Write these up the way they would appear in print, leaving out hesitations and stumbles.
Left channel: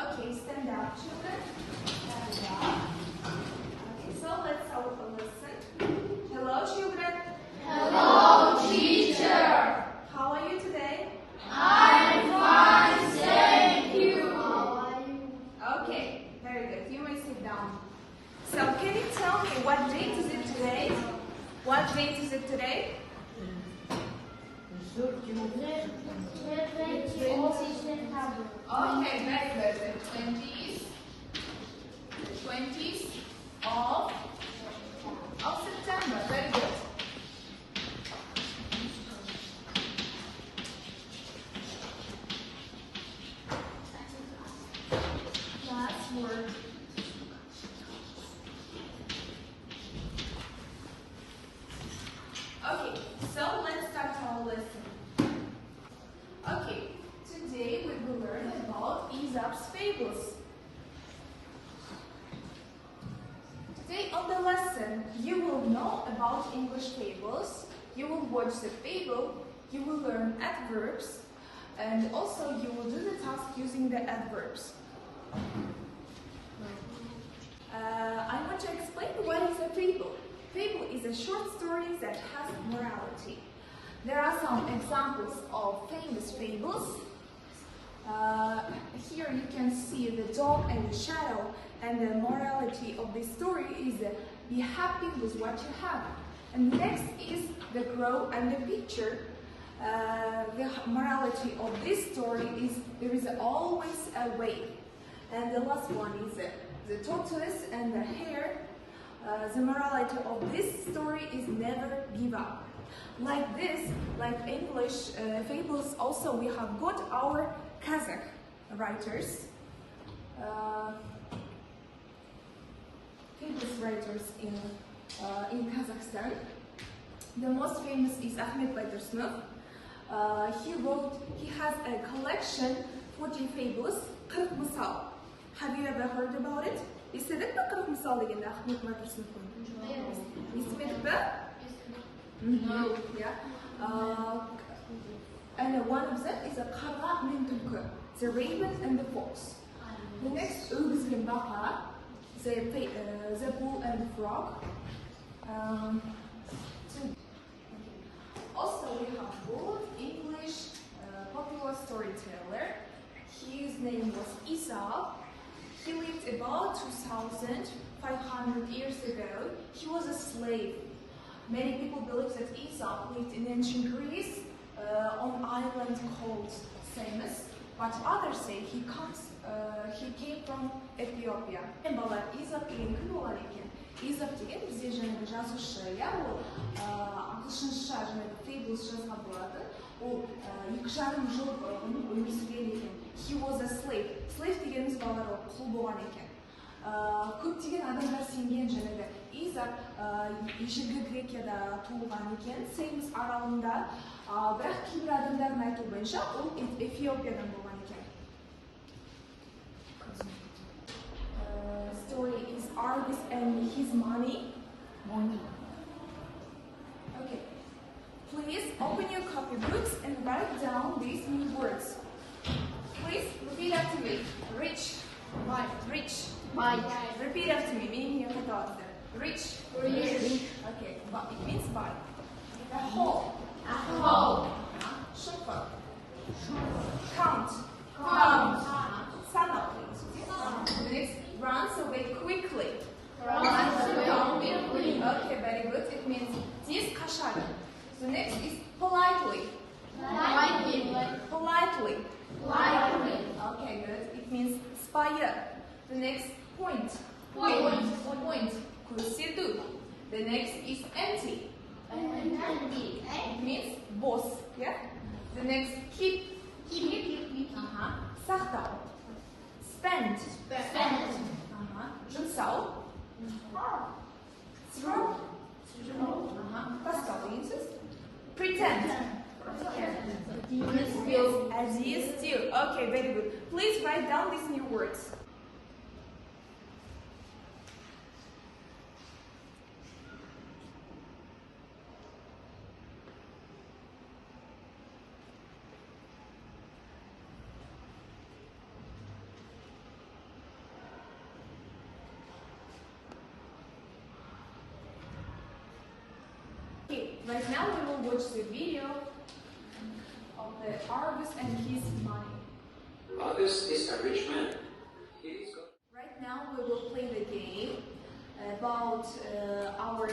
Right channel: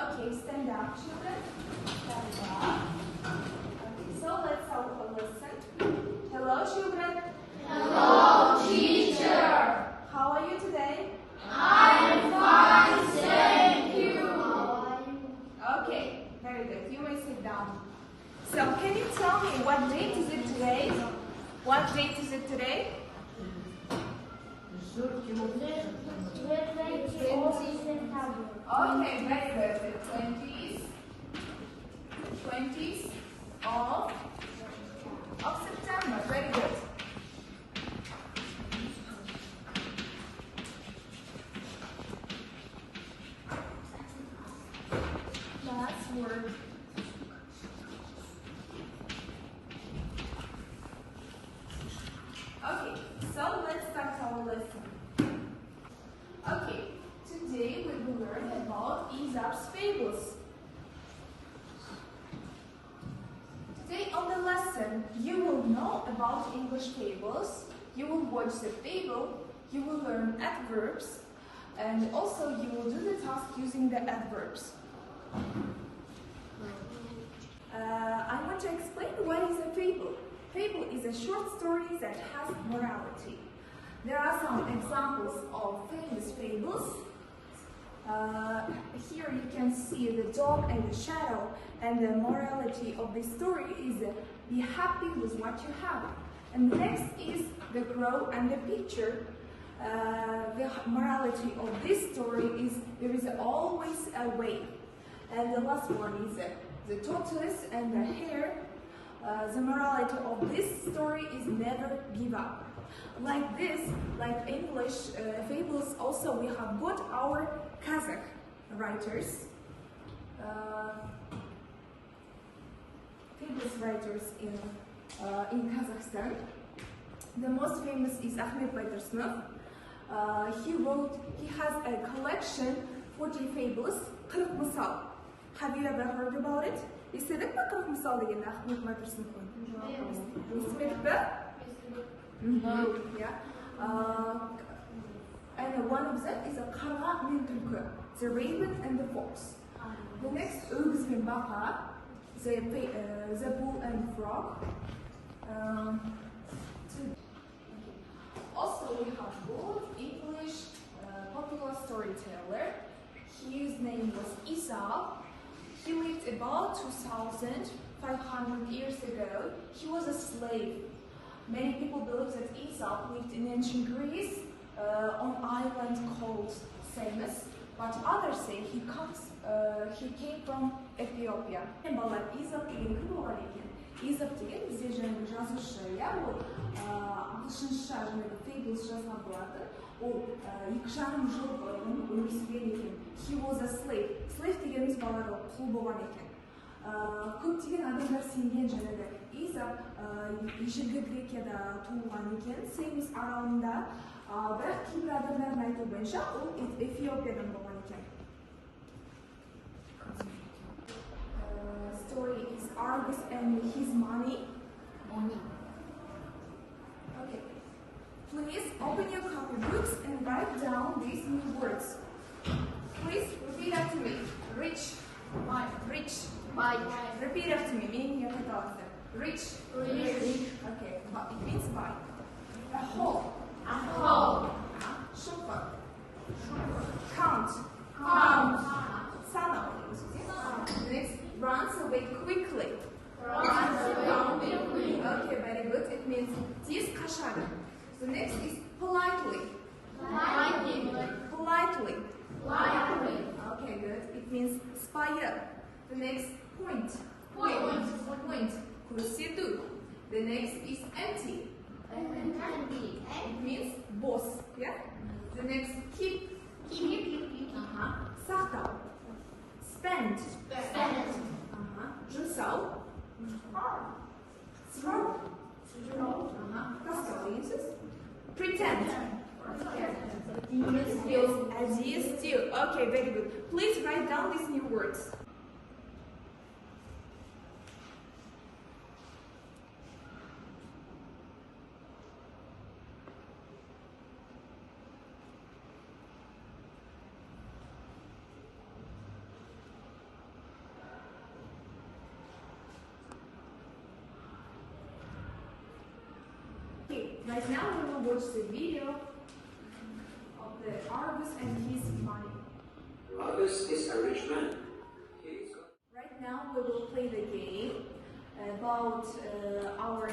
Okay, stand up, children. Stand up. Okay, so let's have a listen. Hello, children. Hello, teacher. How are you today? I'm fine, thank you. How are you? Okay, very good. You may sit down. So, can you tell me what date is it today? What date is it today? Okay, very good. The 20th of September. Very good. Last word. Okay, so let's start our lesson. Okay, today we will learn about Aesop's fables. Today on the lesson, you will know about English fables, you will watch the fable, you will learn adverbs, and also you will do the task using the adverbs. I want to explain what is a fable. Fable is a short story that has morality. There are some examples of famous fables. Here you can see the dog and the shadow, and the morality of this story is be happy with what you have. And next is the crow and the picture. The morality of this story is there is always a way. And the last one is the tortoise and the hare. The morality of this story is never give up. Like this, like English fables, also we have got our Kazakh writers, famous writers in Kazakhstan. The most famous is Ahmet Baitursunov. He has a collection 40 fables, 40 misal. Have you ever heard about it? Естедік пе 40 misal дегенді Ahmet Baitursunovтың? Естімедік пе? Yeah. And one of them is a Qara min Tulku, the raven and the fox. The next Ögüz bin Baqa, the bull and frog. Also, we have good English popular storyteller. His name was Aesop. He lived about 2,500 years ago. He was a slave. Many people believe that Aesop lived in ancient Greece on an island called Samos, but others say he came from Ethiopia. Балар Aesop деген кім болған екен? Aesop деген бізде жаңағы жазушы, иә, ол ағылшынша жаңағы fables жазған болатын. Ол 2,5 жыл өмір сүрген екен. He was a slave. Slave дегеніміз балалар құл болған екен. Көптеген адамдар сенген жаңағы Aesop ежелгі Грекияда туылған екен, Samos аралында, бірақ кейбір адамдардың айтуы бойынша ол Эфиопиядан болған екен. Story is Argus and his money. Okay. Please open your copybooks and write down these new words. Please repeat after me. Rich. White. Rich. White. Repeat after me, meaning you have to Rich. Rich. Okay, but it means by. A whole. A whole. Super. Count. Count. Sana. Next, runs away quickly. Runs away quickly. Okay, very good. It means this kashada. The next is politely. Politely. Politely. Politely. Okay, good. It means spire. The next point. Point. Point. Kursidu. The next is empty. Empty. It means boss. Yeah. The next keep. Keep. Sakta. Spend. Spend. Жұмсау. Throw. Тастау. Pretend. As is still. Okay, very good. Please write down these new words. right now we will watch the video of the Argus and his money. Argus is a rich man. Right now we will play the game about our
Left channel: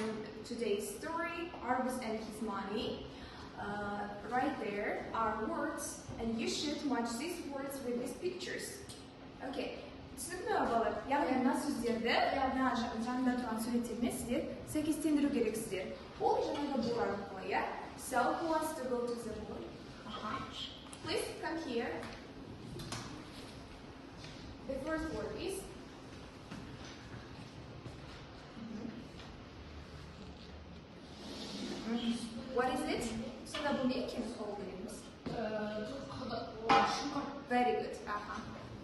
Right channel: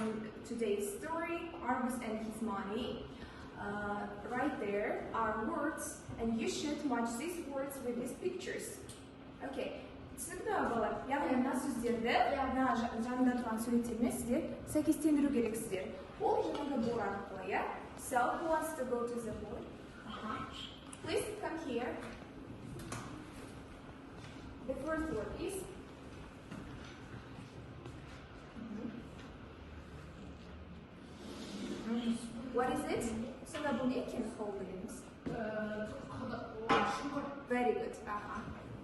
today's story, Argus and his money. Right there are words, and you should match these words with these pictures. Okay. Түсінікті балалар, яғни мына сөздерді, мына жанында тұрған суреттермен сіздер сәйкестендіру керексіздер. Ол жаңағы board арқылы, иә? So, who wants to go to the board? Please come here. The first word is what is it? Сонда бұл не екен сол білеміз? Very good.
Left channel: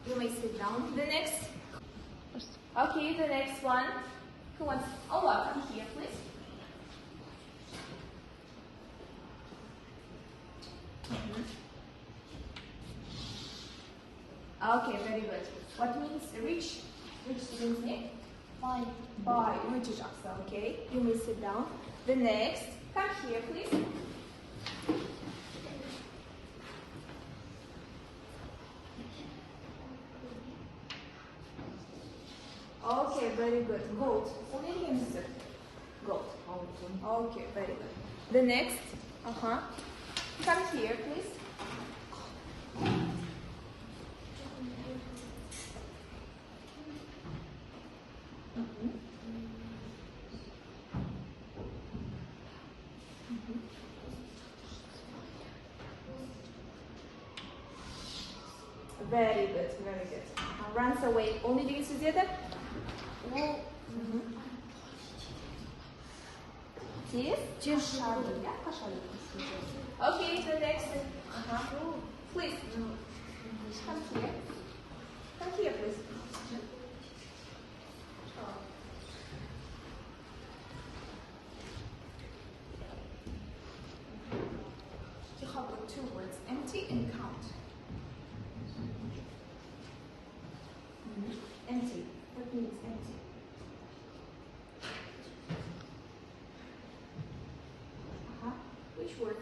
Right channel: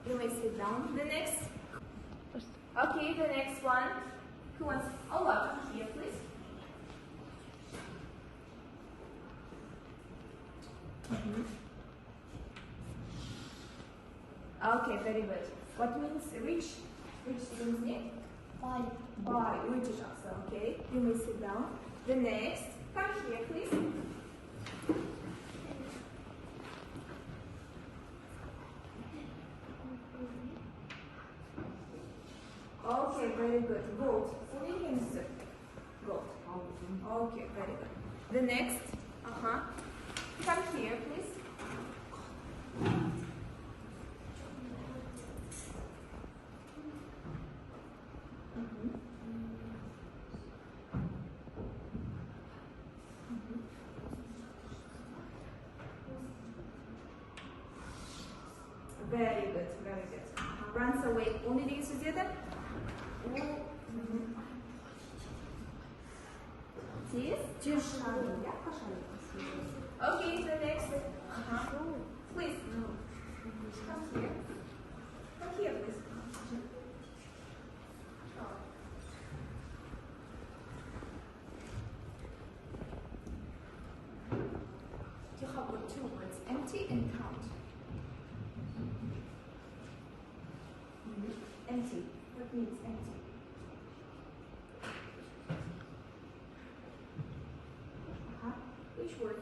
You may sit down. The next. Okay, the next one. Who wants? Oh, come here, please. Okay, very good. What means rich? Rich means name? Buy. Buy. Rich is also okay. You may sit down. The next. Come here, please. Okay, very good. Gold. Gold. Okay, very good. The next. Come here, please. Very good, very good. Runs away. Only these together. Okay, the next is please. Come here. Come here, please. You have got two words, empty and count. Empty. What means empty? Which word?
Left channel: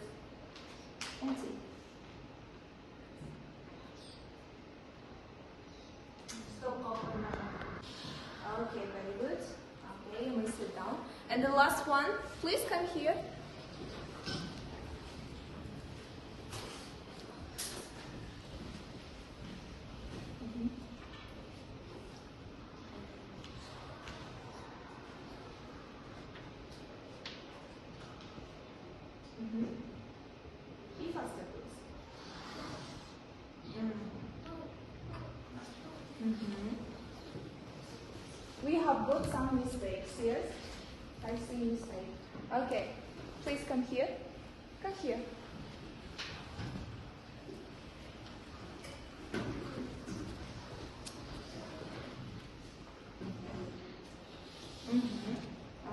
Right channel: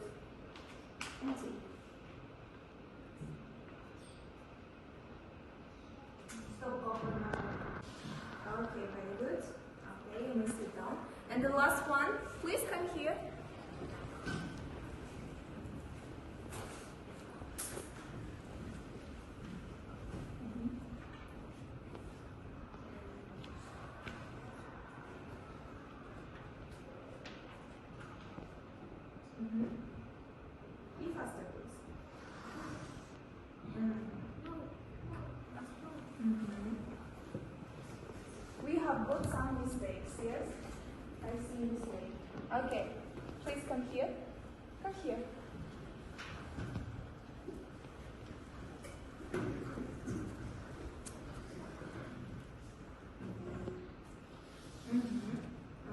Empty. Okay, very good. Okay, you may sit down. And the last one, please come here. Be faster, please. We have got some mistakes, yes? I see mistake. Okay, please come here. Come here.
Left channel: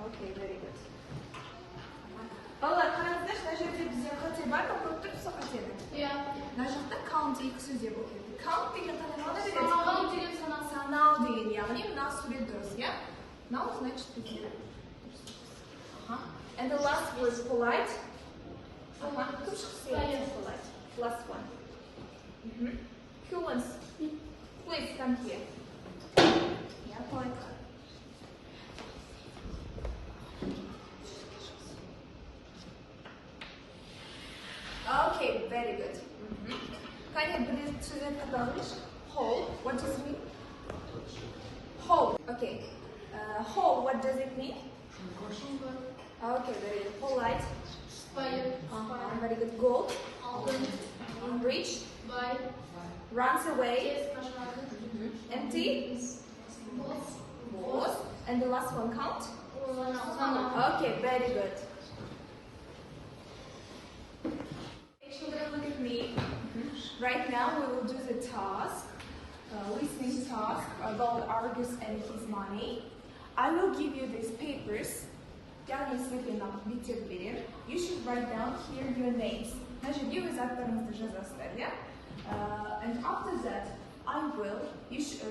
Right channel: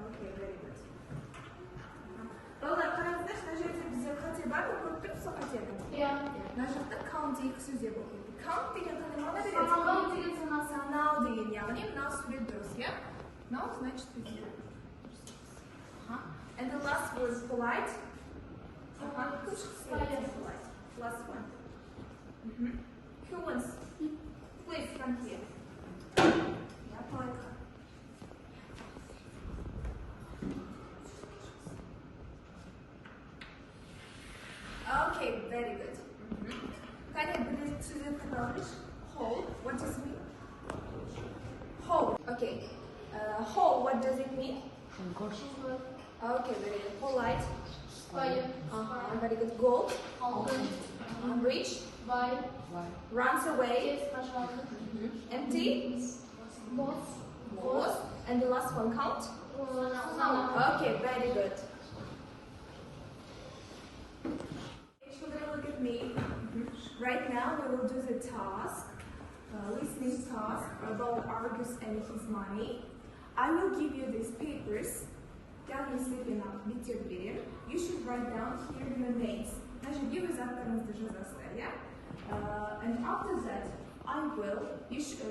Okay, very good. Балалар, қараңыздар, мына жерде бізде қате бар ма? Көріп тұрсыз қатені? Иә. Мына жақта count екі сөзде болып кетті. Count деген қате мағына береді? Санау деген санау деген, яғни мына сурет дұрыс, иә? Мынау значит бізде. And the last word is polite. Кім шықсы еді polite? Last one. Who wants? Please come here. Yeah, polite. Okay, very good. Can you put it to the Polish? Whole, what does it mean? Whole, okay. Whole, what does it mean? Okay, very good. Polite. Very good. Gold. Rich. Runs away. Empty. Was. And the last one, count. Okay, very good. Children, look at me. Right now we will do the task, listening task about Argus and his money. I will give you these papers. You should write down here your names. And after that,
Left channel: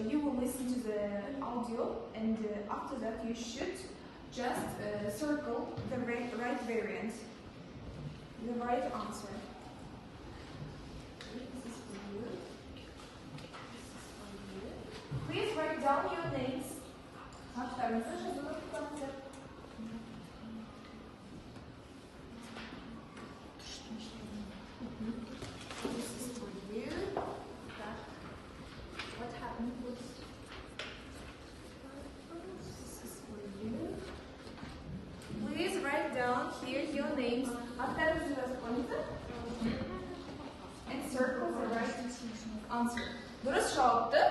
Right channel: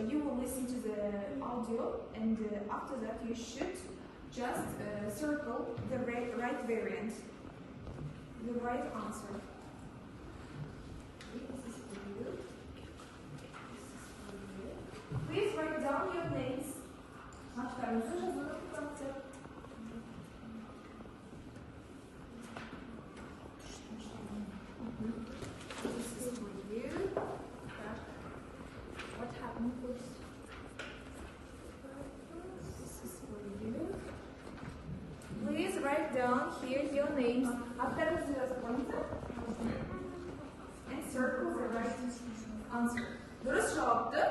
you will listen to the audio, and after that you should just circle the right variant. the right answer. Okay, this is for you. Please write down your names. This is for you. What happened? This is for you. Please write down here your names after the answer and circle the right answer. Dürüst cevaptı.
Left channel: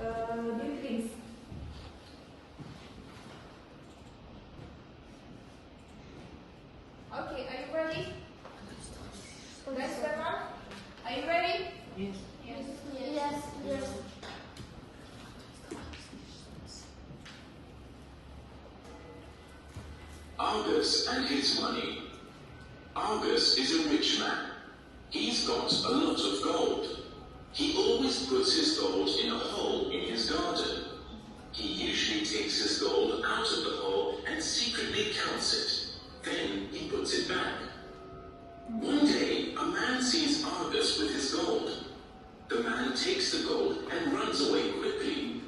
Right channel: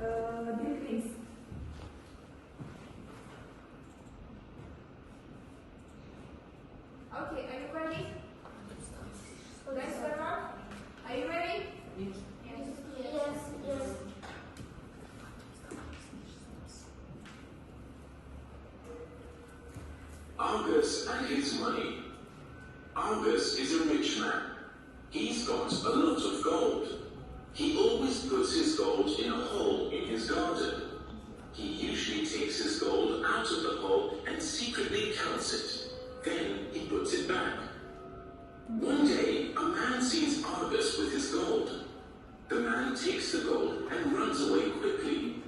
Bill Clinton. Okay, are you ready? Guys, are you ready? Yes. Argus and his money. Argus is a rich man. He's got a lot of gold. He always puts his gold in a hole in his garden. He usually takes his gold out of the hole and secretly counts it. Then he puts it back. One day, a man sees Argus with his gold. The man takes the gold and runs away quickly.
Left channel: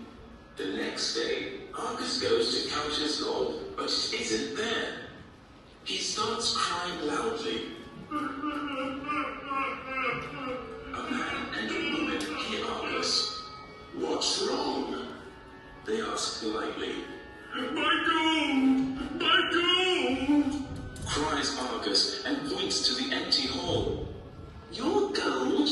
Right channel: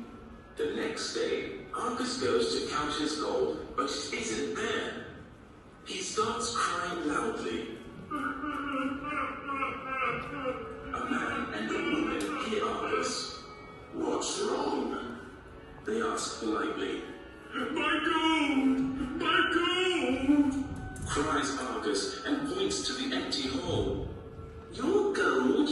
The next day, Argus goes to count his gold, but it isn't there. He starts crying loudly. A man and a woman hear Argus. "What's wrong?" They ask politely. "My gold! My gold!" cries Argus and points to the empty hole. "Your gold?